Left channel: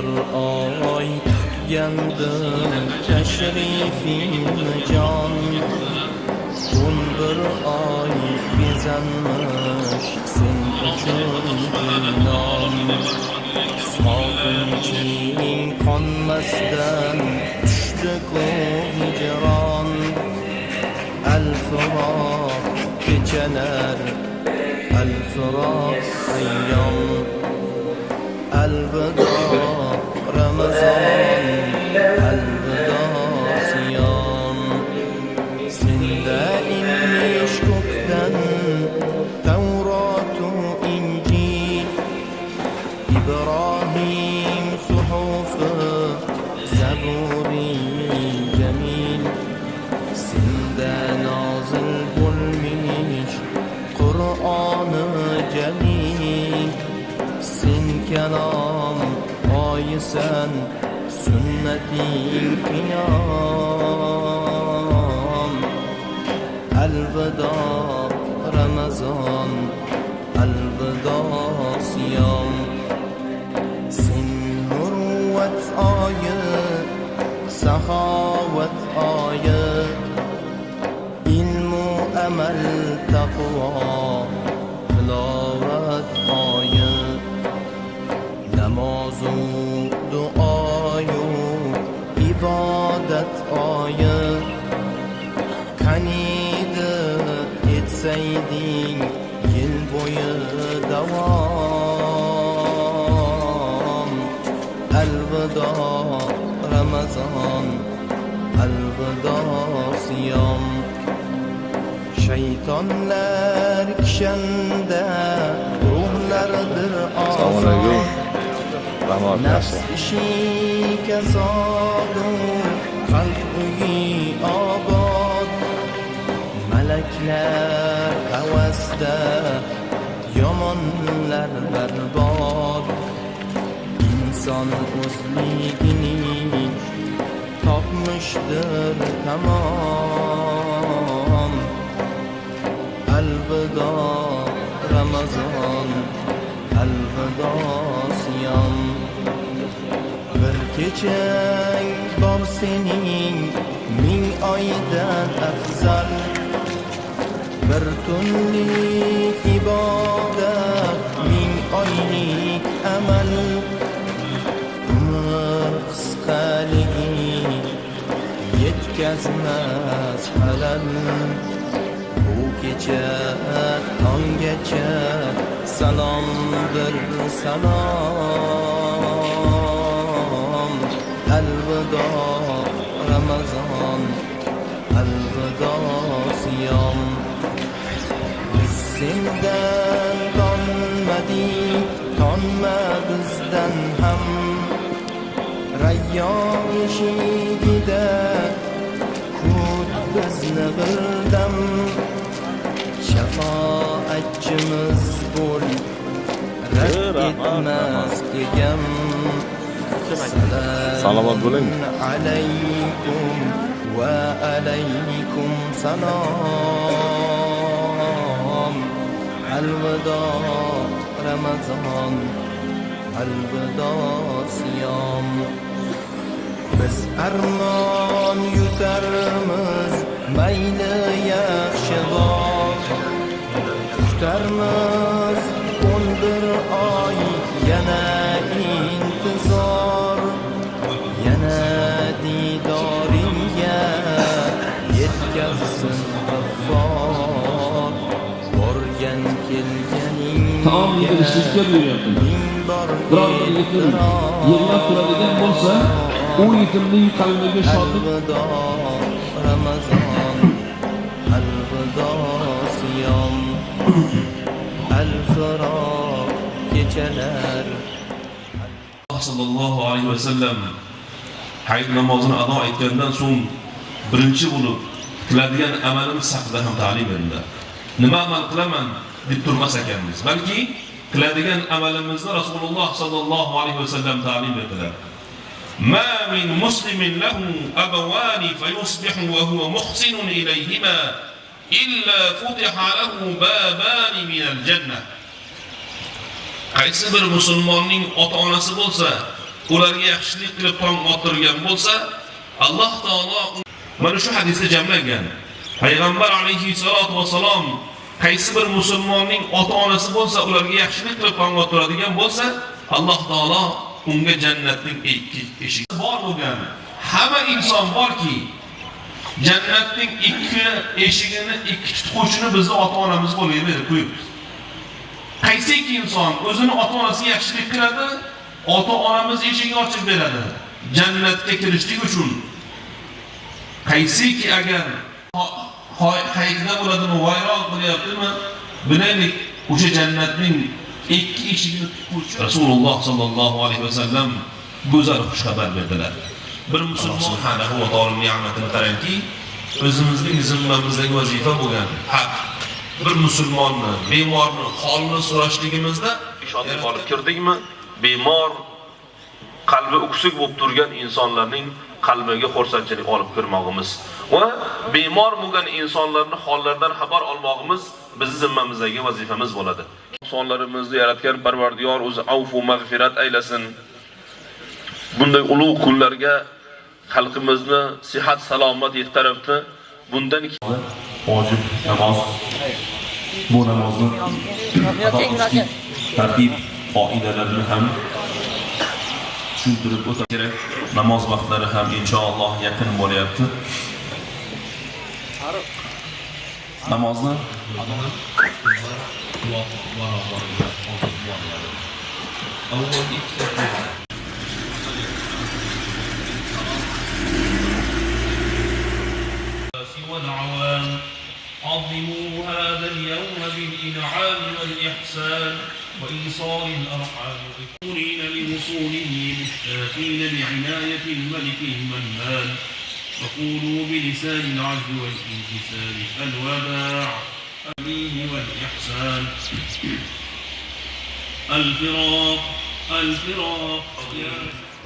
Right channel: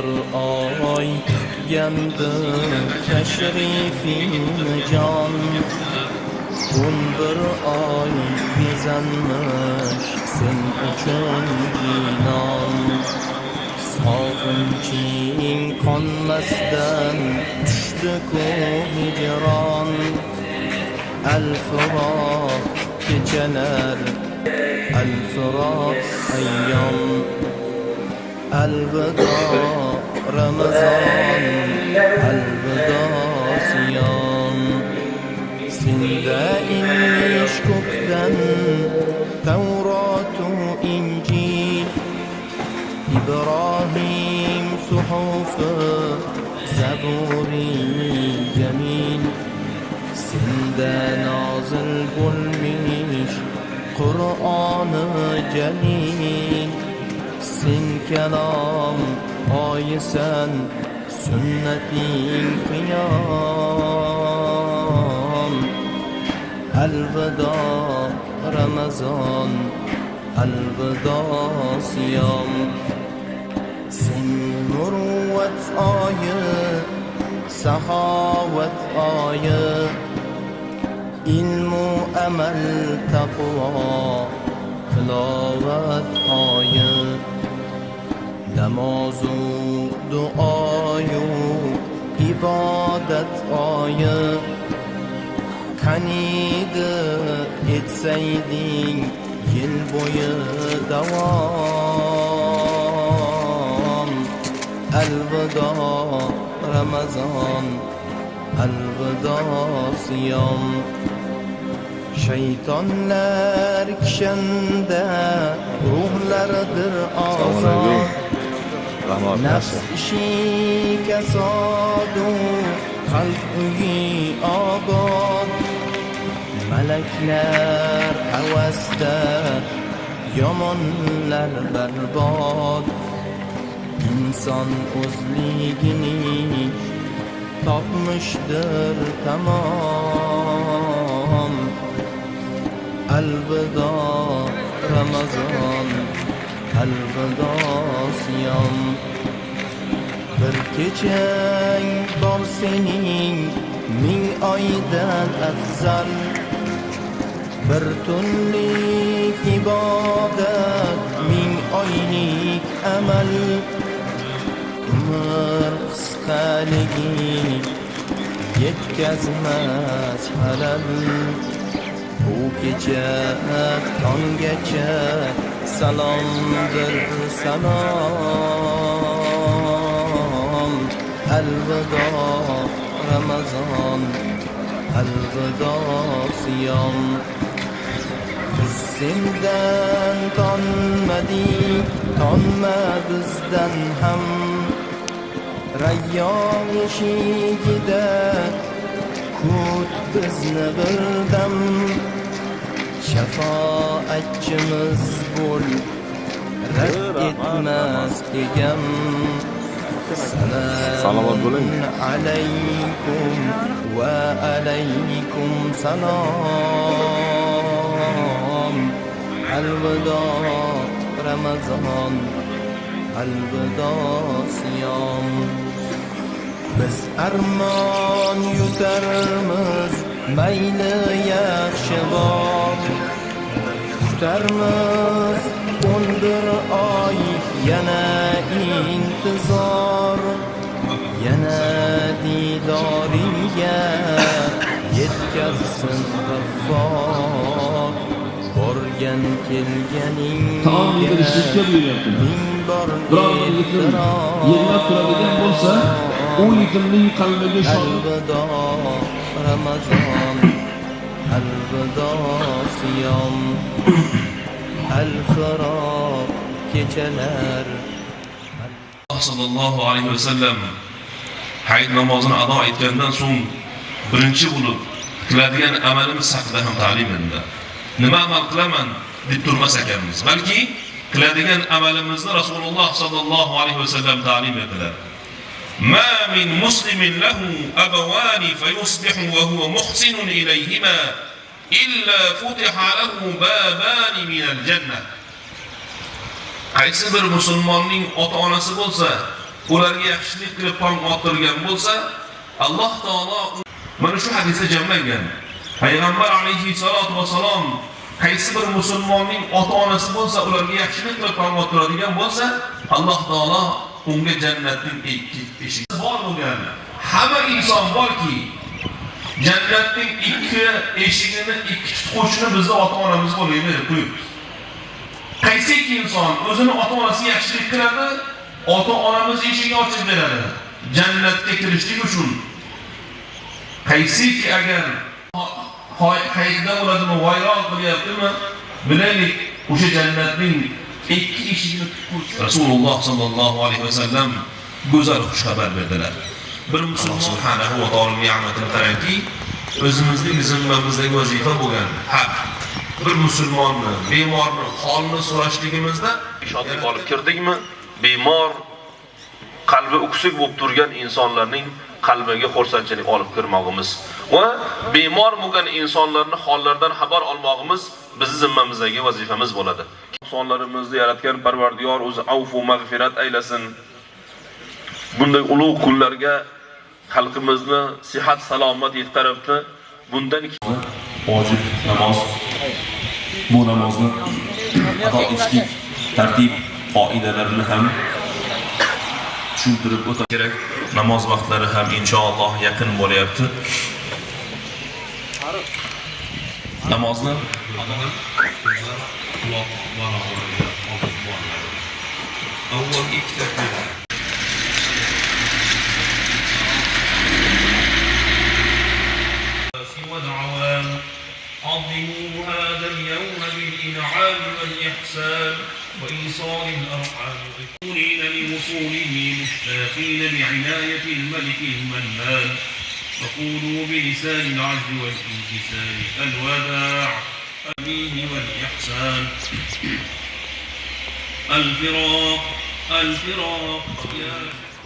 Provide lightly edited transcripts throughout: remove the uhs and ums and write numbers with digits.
bir oy tutgandi tashrifingni jon, 11 oy bezanmish sen uchun jinon. Sog'inching qonmasdan tushdi-ku hijron, al-firoq kechalar, al-firoq ayyom. Alvido Ramazon, alvido siyom. Senda inmish ko'kdan Tavrotu Injil, İbrahim suhufi Zaburi Jamil. Senda nozil bo'lmish Qur'oni Jalil. Sen kalom oyisan, sunnating qiyom. Alvido Ramazon, alvido siyom. Sen muruvvat oyi, saxovat oyi, ilmu amal taqvo tilovat oyi. Namozu duoyu ibodat oyi, qaniydi etsayding yil bo'yi davom. Alvido Ramazon, alvido siyom. Shaytonlar kishanda ruhlardir ozod, nafs ishi kasodu qalb uyi obod. Malaklar havasda, yomonlar barbod. İnson o'zligini topmishdir tamom. Alvido Ramazon, alvido siyom. Bir kechang bor sening 1000 oydan afzal. Bir tunlik ibodat 1000 oylik amal. Umr qisqaligi yetkazmas halal. Bu kecha tonggacha salomdir salom. Alvido Ramazon, alvido siyom. Biz sendan tonmadik, tonma bizdan ham. Rayyon eshigida kut bizni birdam. Shafoatchimiz bo'l, rad etmas egam. Salomat bo'ling. Alaykum va alaykum salom. Alvido Ramazon, alvido siyom. Biz armon yutarmiz, mayli yaxshi bor. Kutarmiz 11 oy, yana intizor. Yana didoringga yetkazsin G'affor. Borgan kelganingga taom yedirishga buyuryaptilar. Biror yig'lab turadigan bo'lsa, u yetimning qalbiga shodlik. Alvido Ramazon, alvido siyom. Al-firoq kechalar. Sallallohu alayhi va sallam hayit namozini ado etgandan so'ng birinchi bo'lib qiladigan amalimiz haqida ham ta'lim berdi. Nima amal qilaman deb turmas ekanmiz, balki qiladigan amalimizni Rasululloh sallallohu alayhi va sallam ta'lim berdilar. Ma min muslimin lahu abawani fayusbihu wa huwa muhsinun ilayhima illa futiha lahu babani min al-jannah. Qaysi bir musulmonning ota-onasi bo'lsa ularga yaxshilik qilib tong ottirgan bo'lsa, Alloh taolo mana shu hadisda jamlangan. Payg'ambar alayhisolatu vasallam qaysi bir musulmonning ota-onasi bo'lsa, ularga yaxshilik qilib tong ottiradigan bo'lsa, Alloh taolo unga jannatning ikki eshigi bor bo'lgan. Hamma inson borki, jannatning ikki eshigini, ikki tutquchini bizni ota-onamiz bo'laymi deb qo'yibmiz. Qaysi inson o'zini ota-onasiga yaxshilik qiladi, ota-onamiz eshigini ochib beradi jannatga kirishlik uchun. Qaysiki agar hayda bo'ladimi, vayron qilyaptimi, bilaylik, o'sha jannatning ikki eshigini tutuvchi Rasululloh sallallohu alayhi vasallam go'zal xushxabar berdilar. Bir musulmon subhanahu va taolo ne'matini qarangki, o'zimizning zimmamizdagi vazifa bo'lgan haq. Bir musulmonni, bemorni holini so'rashligimizda shodlik olib kirdikmi, bemor qalbi o'ksik bo'lib turgan insonlarning qalbiga xursandchilik olib kirmog'imiz va bemor bo'lgan insonlarning hollaridan xabar olmog'imiz bizning zimmamizdagi vazifamiz bo'ladi. Insonlarimizni yaratgan Parvardigor o'zi avf va mag'firat aylasin. Bunday ulug' kunlarga xalqimizni sihat salomat yetkazibdi. Bundan vojib namoz, bu namozni ado etishlik tartib qoidalarini ham tushuntirib o'tish kerak. Namoz vaqtlari ham inshaalloh yaqin bo'lyapti. Namozni والعوام عظموا هذا اليوم بالإنعام والإحسان وإيصال الأرحام مذكورين لوصوله مشتاقين لعناية الملك المنان وقولوا بلسان العز والانكسار الوداع الأمين والإحسان الفراق يا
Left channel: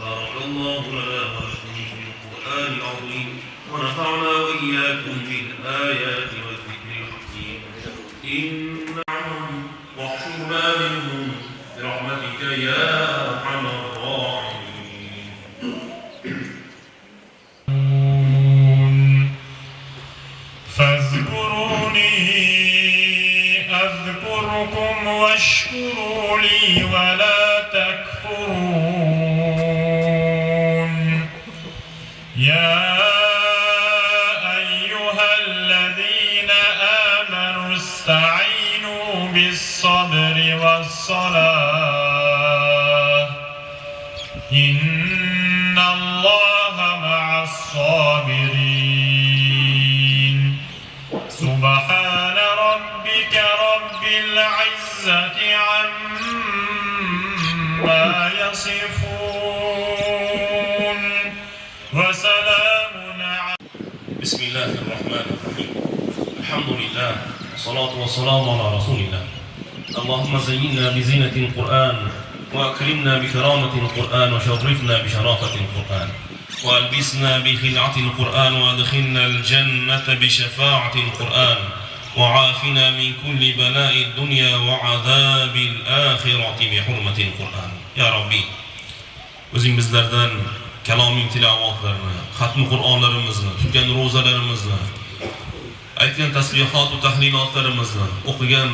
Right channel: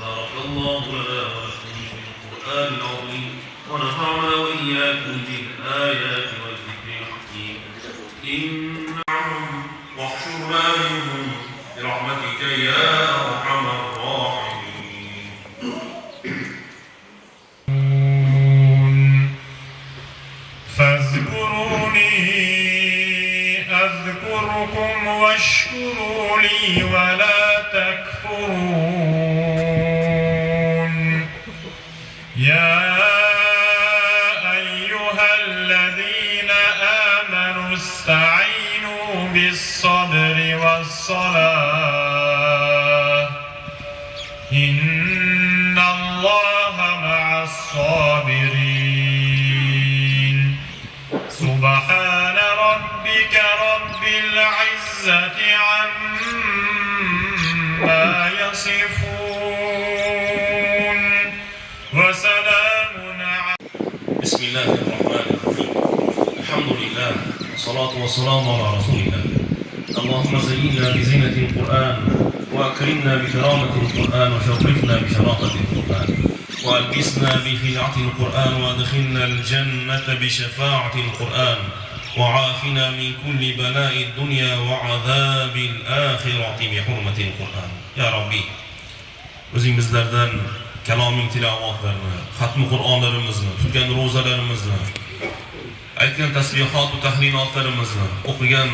بارك الله لنا ولكم في القرآن العظيم ونفعنا وإياكم بالآيات والذكر الحكيم إنهم واحشرنا منهم برحمتك يا أرحم الراحمين. فاذكروني أذكركم واشكروا لي ولا تكفرون. يا استعينوا بالصبر والصلاة إن الله مع الصابرين. سبحان ربك رب العزة عما يصفون وسلام على بسم الله الرحمن الرحيم. الحمد لله والصلاة والسلام على رسول الله. اللهم زينا بزينة القرآن وأكرمنا بكرامة القرآن وشرفنا بشرافة القرآن وألبسنا بخلعة القرآن وأدخلنا الجنة بشفاعة القرآن وعافنا من كل بلاء الدنيا وعذاب الآخرة بحرمة القرآن. يا ربي o'zing bizlardan kaloming tilovatlarini, xatmi Qur'onlarimizni, tutgan ro'zalarimizni, aytgan tasbihot va tahlilotlarimizni, o'qigan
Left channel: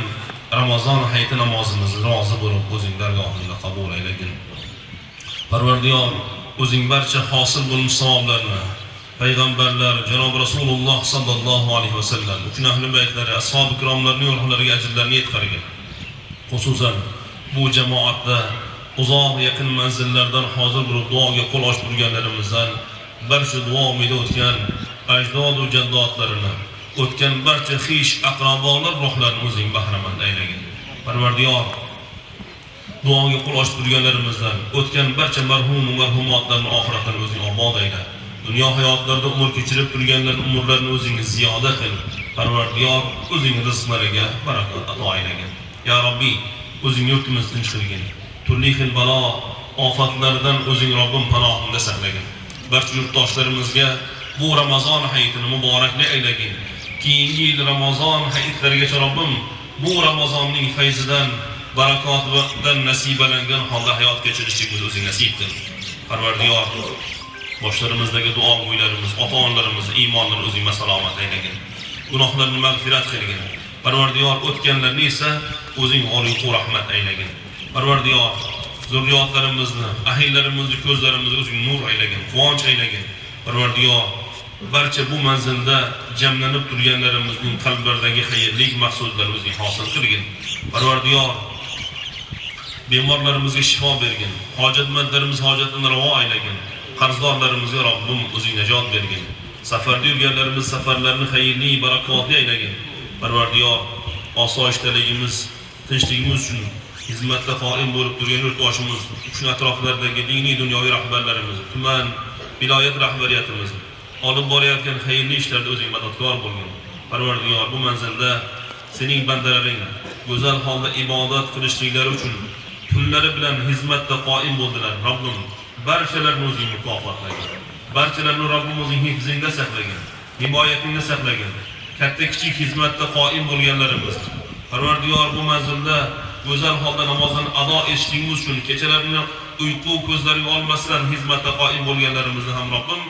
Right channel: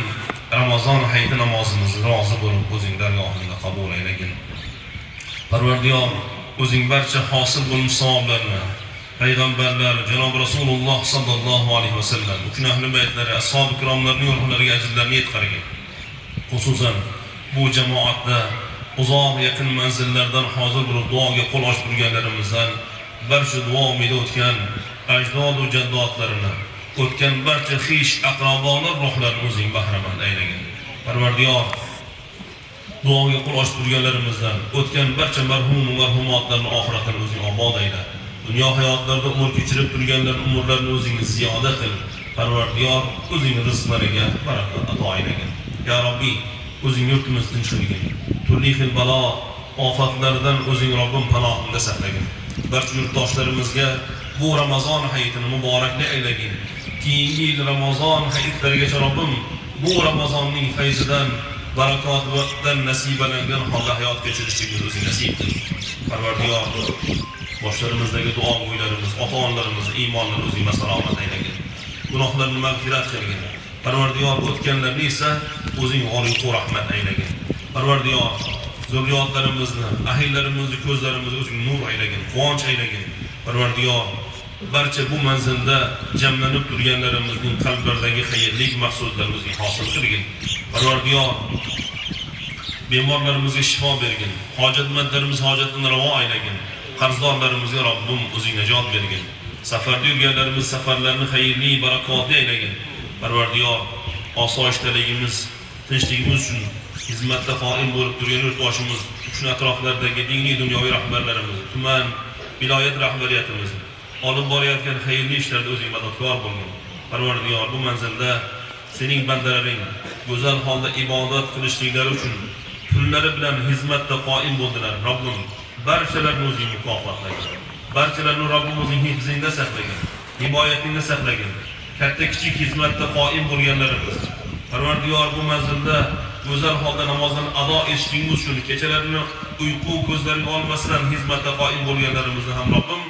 Ramazon hayiti namozimizni rozi bo'lib o'zing dargohingda qabul aylagin. Parvardigor, o'zing barcha hosil bo'lmuş savoblarni payg'ambarlar janob Rasululloh sallallohu alayhi vasallam, uning ahli baytlari, ashabi ikromlarning yo'llariga ajrlarni yetkazgin. Xususan bu jamoatda uzoq yaqin manzillardan hozir bo'lib duoga qo'l ochib turganlarimizdan barcha duo umidi o'tgan ajdod va jaddodlarini, o'tgan barcha xish aqrabolar ruhlarini o'zing bahramand aylagin. Parvardigor, duoga qo'l ochib turganlarimizdan o'tgan barcha marhum va marhumotlarning oxiratini o'zing obod ayla. Dunyo hayotlarida umr kechirib turganlarning umrlarini o'zing ziyoda qil. Parvardigor, o'zing rizqlariga barakot ato aylagin. Ya Robbi, o'zing yurtimizni tinch qilgin. Turli xil balo, ofatlardan o'zing Robbim panohingda saqlagin. Barcha yurtdoshlarimizga bu Ramazon hayitini muborakli aylagin. Keyingi yil Ramazon hayitlarigacha Robbim bu Ramazonning fayzidan barakotdan nasibalangan holda hayot kechirishimizni o'zing nasib qil. Parvardigor, boshlarimizdagi duo-o'ylarimiz, ota-onalarimizni iymonlarini o'zing salomat aylagin. Gunohlarni mag'firat qilgin. Parvardigor, o'tganlarni esa o'zing g'oriqu rahmat aylagin. Parvardigor, zurriyotlarimizni, ahillarimizni, ko'zlarimizni o'zing nur aylagin, quvonch aylagin. Parvardigor, barcha bu manzilda jamlanib turganlarimizning qalblaridagi xayrlik mahsulotlarini o'zing hosil qilgin. Parvardigor, bemorlarimizga shifo bergin. Hojatmandlarimiz hojatini ravo aylagin. Qarzdorlarimizga Robbim o'zing najot bergin. Safarda yurganlarimiz safarlarini xayrli, barakotli aylagin. Parvardigor, osoyishtaligimiz, tinchligimiz uchun xizmatda qoim bo'lib turgan yurtboshimiz, shu atroflardagi diniy dunyoviy rahbarlarimiz, tuman, viloyat rahbariyatimiz olib borayotgan xayrli ishlarda o'zing madadkor bo'lgin. Parvardigor, bu manzilda sening bandalaring go'zal holda ibodat qilishliklari uchun pullari bilan xizmatda qoim bo'ldilar. Robbim, barchalarini o'zing mukofotlagin. Barchalarini Robbim o'zing hifzingda saqlagin, himoyatingda saqlagin. Katta kichik xizmatda qoim bo'lganlarimiz, Parvardigor, bu manzilda go'zal holda namozini ado etishimiz uchun kechalarini uyqu ko'zlariga olmasdan xizmatda qoim bo'lganlarimizni ham Robbim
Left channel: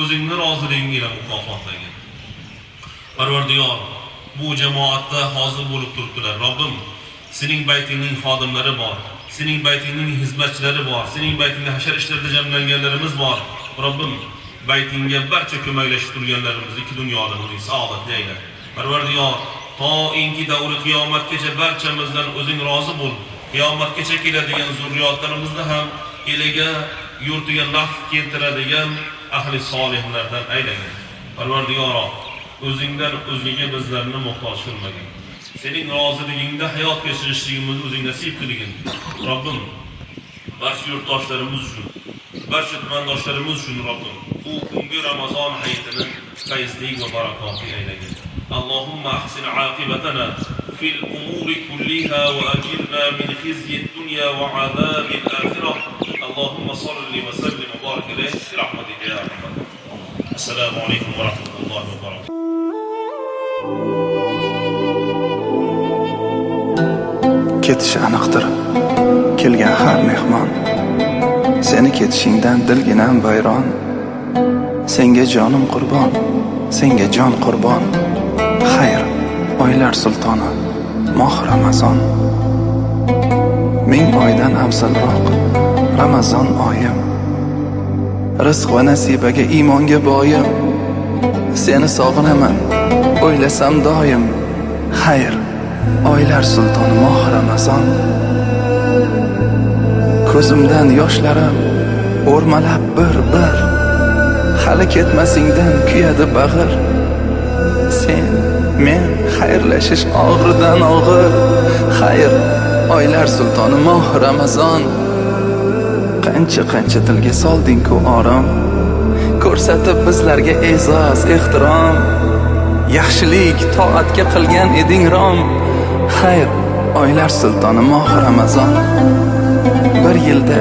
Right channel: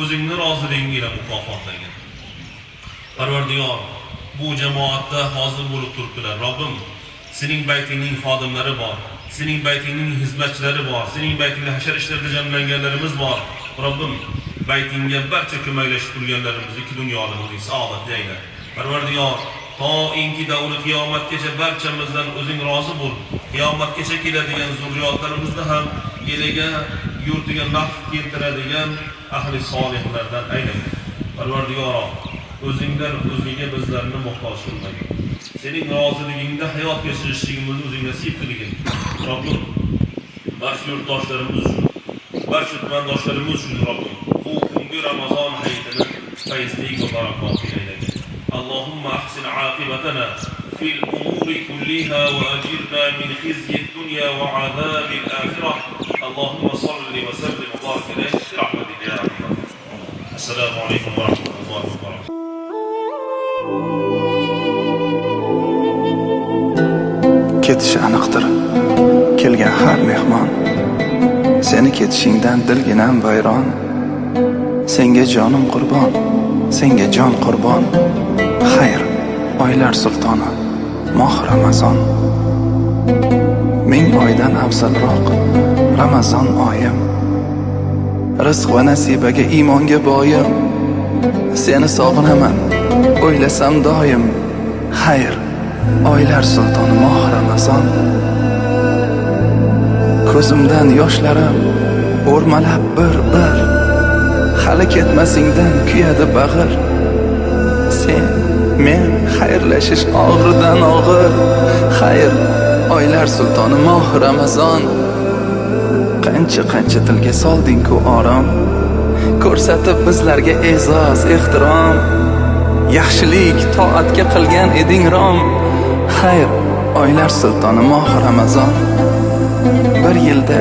o'zingning roziliging bilan mukofotlagin. Parvardigor, bu jamoatda hozir bo'lib turibdilar. Robbim, sening baytingning xodimlari bor, sening baytingning xizmatchilari bor, sening baytingda hashar ishlarida jamlanganlarimiz bor. Robbim, baytingga barcha ko'maklashib turganlarimiz ikki dunyolarni saodatli ayla. Parvardigor, toinki davri qiyomatgacha barchamizdan o'zing rozi bo'l. Qiyomatgacha keladigan zurriyotlarimizni ham eliga, yurtiga naf keltiradigan ahli solihlardan aylagin. Parvardigor, o'zingdan o'zingga bizlarni muhtoj qilmagin. Sening roziligingda hayot kechirishligimizni o'zing nasib qilgin. Robbim, barcha yurtdoshlarimiz uchun, barcha tumandoshlarimiz uchun Robbim, bu kungi Ramazon hayitini fayzli va barakotli aylagin. اللهم أحسن عاقبتنا في الأمور كلها وأجرنا من خزي الدنيا وعذاب الآخرة. اللهم صل وسلم وبارك عليه برحمتك يا أرحم الراحمين. السلام عليكم ورحمة الله وبركاته. Ketish aniqdir, kelgan har mehmon. Seni ketishingdan dilginam vayron. Senga jonim qurbon, senga jon qurbon. Xayr, oylar sultoni, moh Ramazon. Ming oydan afzalroq Ramazon oyim. Rizq va nasibaga iymonga boyim. Seni sog'inaman, o'ylasam doim. Xayr, oylar sultoni, moh Ramazon. Ko'zimdan yoshlarim o'rmalab bir-bir. Hali ketmasingdan kuyadi bag'ir. Sen, men xayrlashish og'ridan og'ir. Xayr, oylar sultoni, moh Ramazon. Qancha tilga solding-ku orom, ko'rsatib bizlarga e'zoz, ehtirom. Yaxshilik, toatga qilgan eding rom. Xayr, oylar sultoni, moh Ramazon. Bir yilda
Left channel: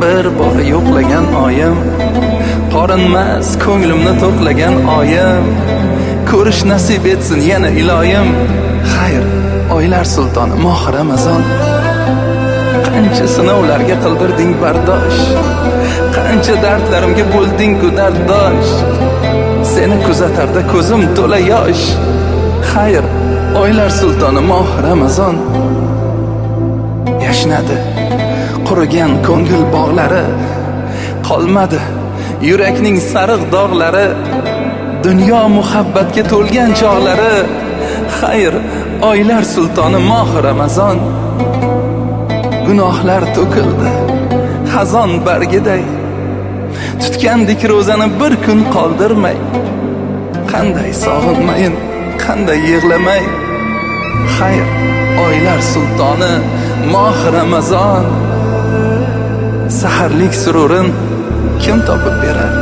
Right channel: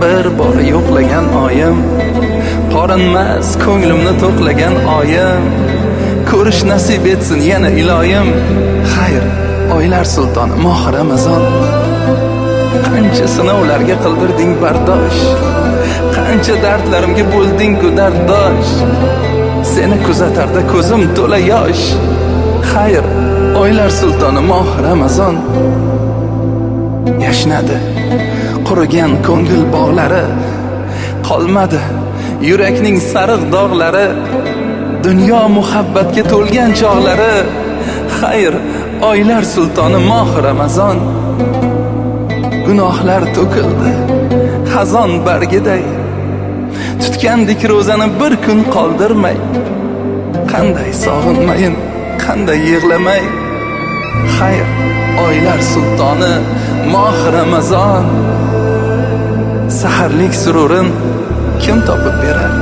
bir bor yo'qlagan oyim, qorinmas ko'nglimni to'qlagan oyim. Ko'rish nasib etsin yana iloyim. Xayr, oylar sultoni, moh Ramazon. Qancha sinovlarga qildirding bardosh, qancha dardlarimga bo'lding-ku darddosh. Seni kuzatarda ko'zim to'la yosh. Xayr, oylar sultoni, moh Ramazon. Yashnadi qurigan ko'ngil bog'lari, qolmadi yurakning sariq dog'lari. Dunyo muhabbatga to'lgan chog'lari. Xayr, oylar sultoni, moh Ramazon. Gunohlar to'kildi xazon bargiday, tutgandik ro'zani bir kun qoldirmay. Qanday sog'inmayin, qanday yig'lamay. Xayr, oylar sultoni, moh Ramazon. Saharlik sururin kim topib berar?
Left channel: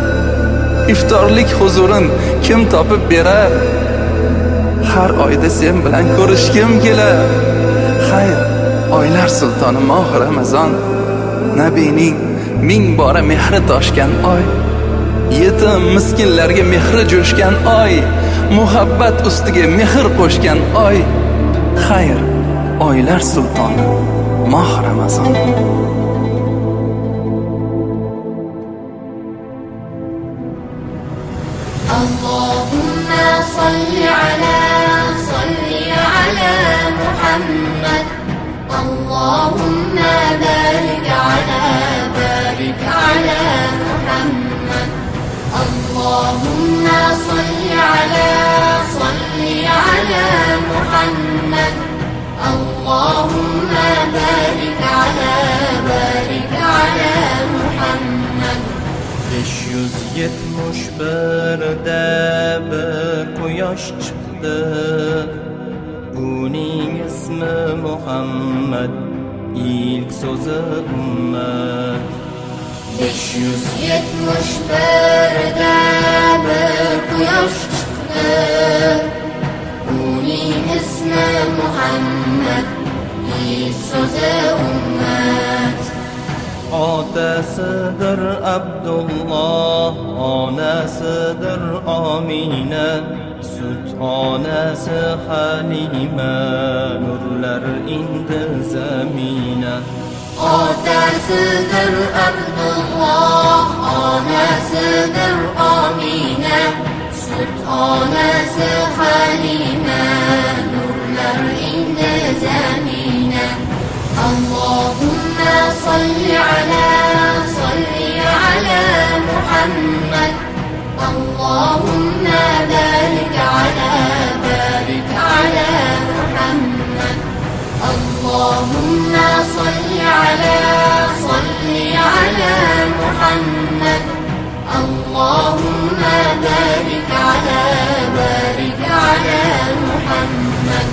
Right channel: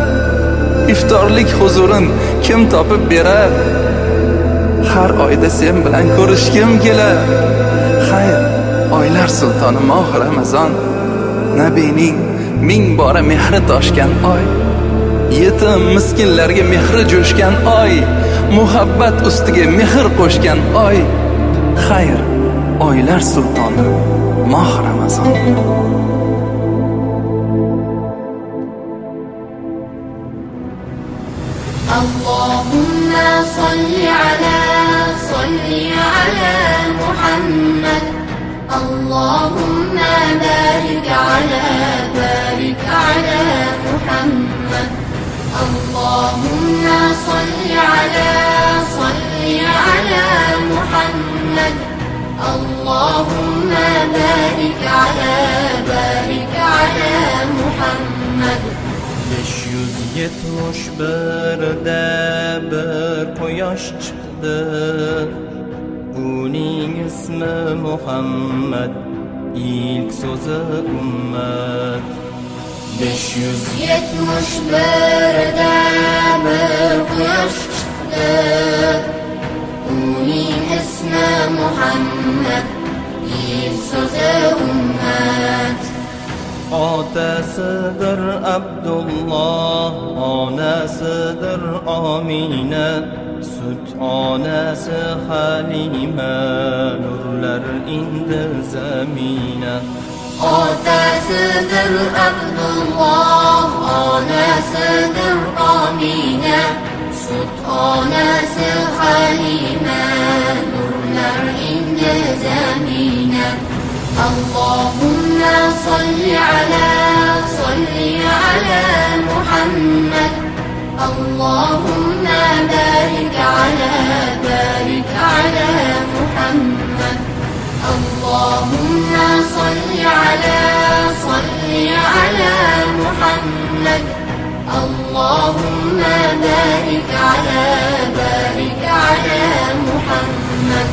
Iftorlik huzurin kim topib berar? Har oyda sen bilan ko'rishgim kelar. Xayr, oylar sultoni, moh Ramazon. Nabining ming bora mehri toshgan oy, yetim miskinlarga mehri jo'shgan oy, muhabbat ustiga mehr qo'shgan oy. Xayr, oylar sultoni moh Ramazon. اللهم صل على محمد. اللهم بارك على محمد. اللهم صل على محمد. اللهم بارك على محمد. 571'de bir quyosh chiqdi, uning ismi Muhammad, ilk so'zi ummat. 571'de bir quyosh chiqdi, uning ismi Muhammad, ilk so'zi ummat. Otasidir Abdulloh, onasidir Amina, sut onasi Halima, nurlar indi zamina. Otasidir Abdulloh, onasidir Amina, sut onasi Halima, nurlar indi zamina. اللهم صل على محمد. اللهم بارك على محمد. اللهم صل على محمد. اللهم بارك على محمد.